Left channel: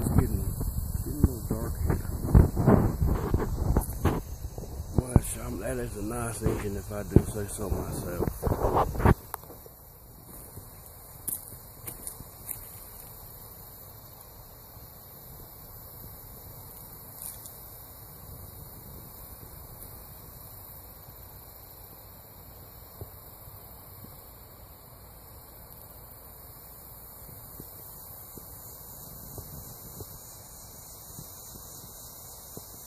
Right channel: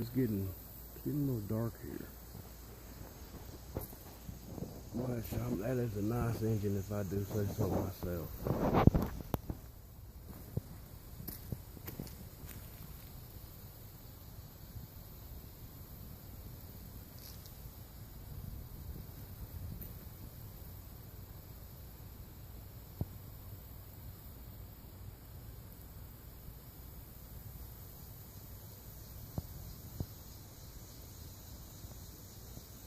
It's getting a little dark here. Well, that is a nice engine if I do say so myself.